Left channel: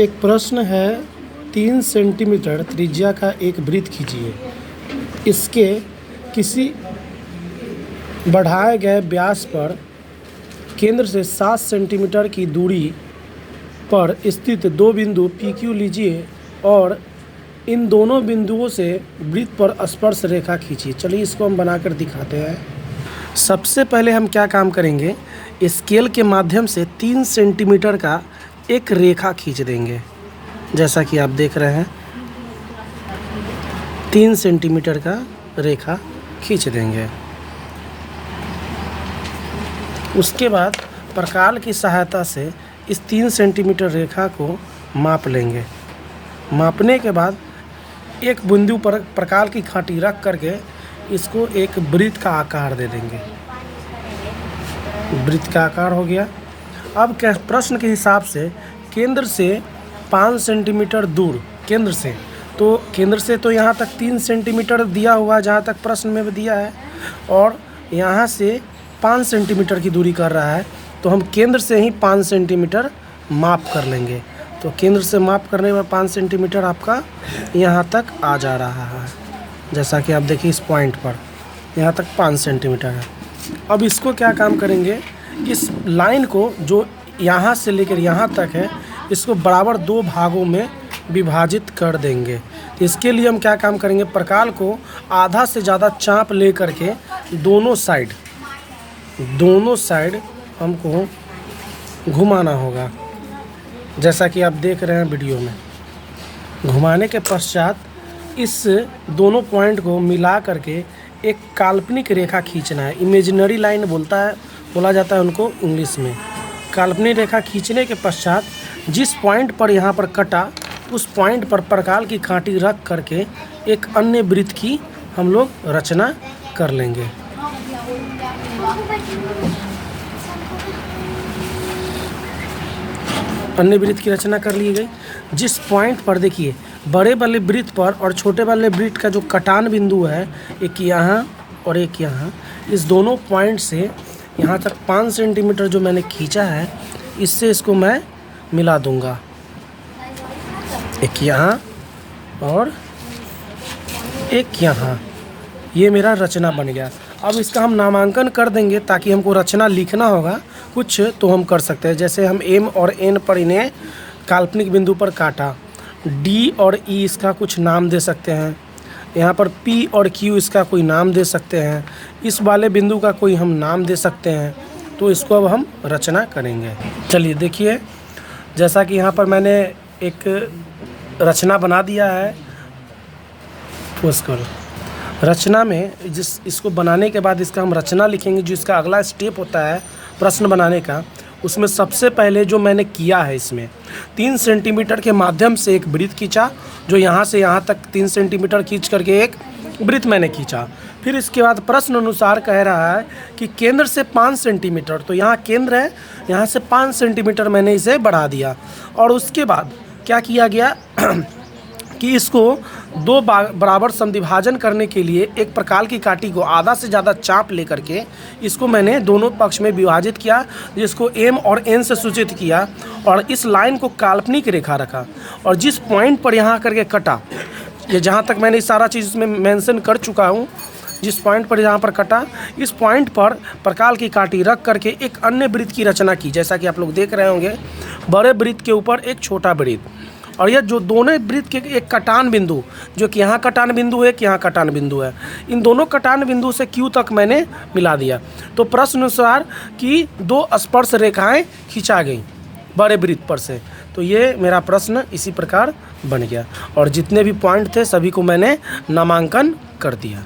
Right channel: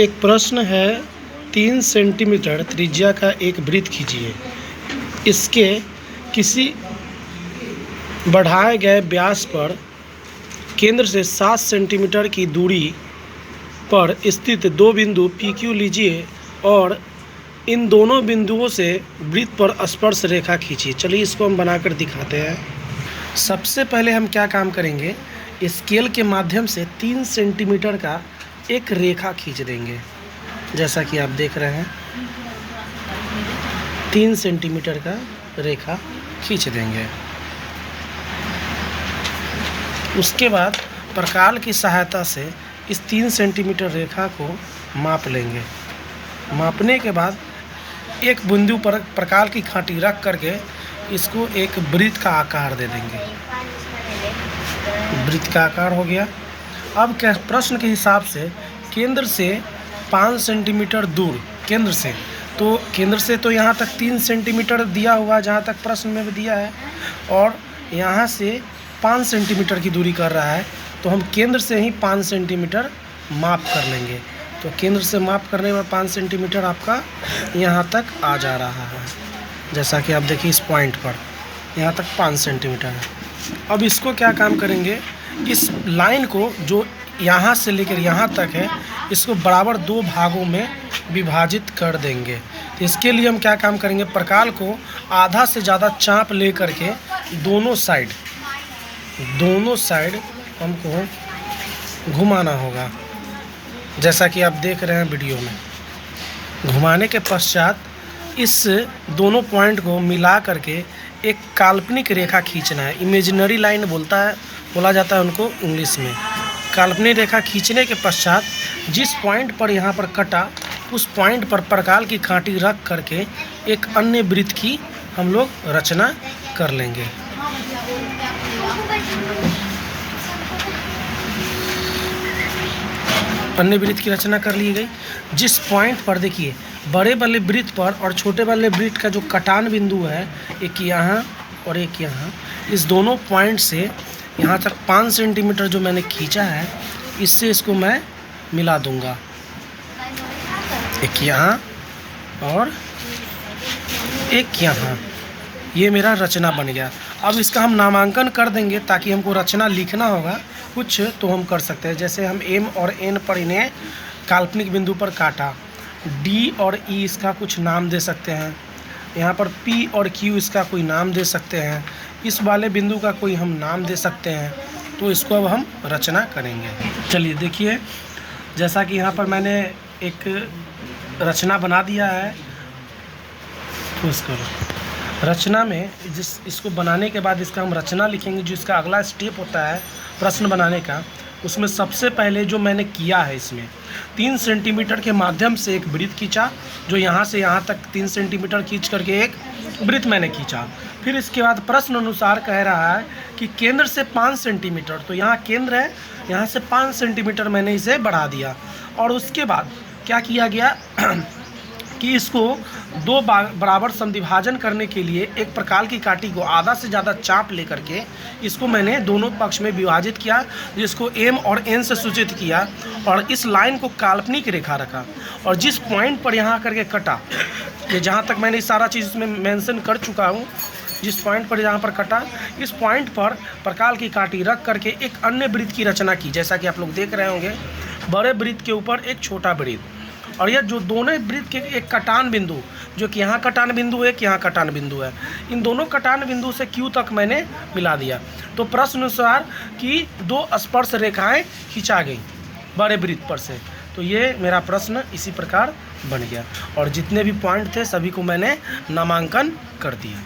एक प्रश्न है, 3 सेंटीमीटर त्रिज्या का एक वृत्त खींचिए। इसके किसी बढ़ाए गए व्यास पर केंद्र से 7 सेंटीमीटर की दूरी पर स्थित दो बिंदु PQ लीजिए और इन दोनों बिंदुओं से वृत्त पर स्पर्श रेखा खींचिए। चलिए इसको हम बनाकर दिखाते हैं। सबसे पहले हम क्या काम करेंगे, स्केल के माध्यम से 3 सेंटीमीटर का एक रेखा खींच देंगे। जैसा कि आप देख रहे हैं, 3 सेंटीमीटर का रेखा खींच देंगे। उसके बाद प्रकाल की सहायता से इस 3 सेंटीमीटर रेखा को माप लेंगे। मापने के बाद एक बिंदु पर प्रकाल की कांटी रख करके इसको एक वृत्त का आकार दे देंगे। वृत्त का आकार हो गया। अब क्या प्रश्न के हिसाब से केंद्र से 5 सेंटीमीटर दूर, केंद्र से तो यहाँ तक 3 सेंटीमीटर दिया हुआ, जहाँ तक प्रश्न में भी दिया है, और यहाँ से 5 सेंटीमीटर की दूरी कर रहा है, तो हम केंद्र से ही 5 सेंटीमीटर माप कर लेंगे। तो केंद्र से माप करने में 5 सेंटीमीटर आपका यहाँ तक आ जा रहा है। जैसा कि आप देखिए इस पॉइंट पर यहाँ तक 5 सेंटीमीटर है। अब इसको क्या काम करेंगे, इस लाइन को जो यहाँ से लेकर यहाँ तक है, इसको बराबर 2 भागों में विभाजित कर देंगे। इसके लिए हम क्या काम करेंगे, प्रकाल को आधा से ज़्यादा चाप ले करके दोनों साइड हमको घुमाना होगा। जैसा कि आप देख रहे हैं वीडियो में। घुमाने के पश्चात इस दोनों पॉइंट को मिला करके एक काल्पनिक रेखा खींचना है। इमेजिनरी लाइन बोला जाता है उनको इंग्लिश में। काल्पनिक रेखा खींचने के पश्चात जिस पॉइंट पर यहाँ पर कटा, उस पॉइंट पर प्रकाल की कांटी रख करके एक अन्य वृत्त की हम लोग रचना कर लेंगे। अन्य वृत्त की रचना कर ली गई। जिस पॉइंट पर देखिए, बड़े वाले वृत्त पर और छोटे वाले वृत्त का जो कटान बिंदु है, एक यहाँ और एक यहाँ, इस दोनों पॉइंट से यहाँ तक 5 सेंटीमीटर जो मैंने खींचा है, इससे इसको मैं मिला दूंगा। एक यहाँ और एक यहाँ, ये मेरा रचना बन गया। अब इसका हम नामांकन कर देंगे, ताकि हमको रचना लिखना होगा कुछ तो हम कर सकते हैं। जैसे हम M और N पर इन्हें काल्पनिक बिंदु पर काटा, D और E इसका कुछ नाम दे सकते हैं। यहाँ पर P और Q इसका कोई नाम दे सकते हैं। इस वाले बिंदु का कोई हम नाम दे सकते हैं। तो इसको अब हम रचना करेंगे। चलिए देखिए, जैसा कि यहाँ पर मैंने एक रचना बना दिया है। ठोस करो। रचना में इसको बनाने के बाद इसका हम रचना लिखेंगे। जो इसका अगला स्टेप होता है प्रश्न बनाने का, उसमें सबसे पहले जो मैंने किया है, इसमें 3 सेंटीमीटर के माध्यम से एक वृत्त खींचा। जो यहाँ से यहाँ तक 3 सेंटीमीटर खींच करके एक वृत्त मैंने खींचा। फिर इसके बाद प्रश्न अनुसार कह रहा है कि केंद्र से 5 सेंटीमीटर, तो यहाँ केंद्र है, यहाँ से 5 सेंटीमीटर मैंने इसे बढ़ा दिया। और उसके बाद क्या किया गया कि इसको 2 बराबर समद्विभाजन करने के लिए एक प्रकाल की कांटी को आधा से ज़्यादा चाप लेकर के इसको मैंने दोनों पक्ष में विभाजित किया, जिसको M और N से सूचित किया, और इस लाइन को काल्पनिक रेखा रखा। और जिस पॉइंट पर यहाँ करके कटा, ये जहाँ तक मैंने सारा चीज़ इसमें मेंशन कर चुका हूँ, जिस पॉइंट पर यहाँ पर कटा, इस पॉइंट पर प्रकाल की कांटी रख करके एक अन्य वृत्त की रचना की। जैसा कि आप लोग देख रहे होंगे, बड़े वृत्त के ऊपर एक छोटा वृत्त, और यह जो दोनों वृत्त के एक कटान बिंदु, जो कि यहाँ कटान बिंदु है, कि यहाँ कटान बिंदु है, इन दोनों कटान बिंदु से Q तक मैंने मिला दिया। तो प्रश्न अनुसार कि 2 स्पर्श रेखाएं खींचा गई बड़े वृत्त पर से। तो ये मेरा प्रश्न इसी प्रकार बन गया, और जितने भी पॉइंट थे सभी को मैंने नामांकन कर दिया।